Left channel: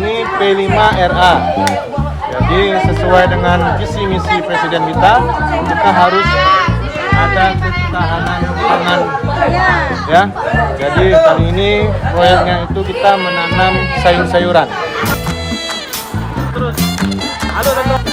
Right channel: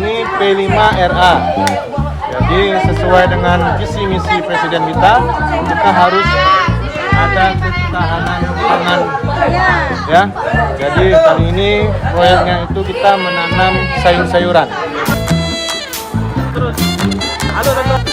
ini P5RA. Jadi sesuai dengan visi misi Presiden kita harus ada ketahanan pangan. Ya. Jadi kali ini proyeknya itu kita menanam sayur-sayuran. Terus, halo teman.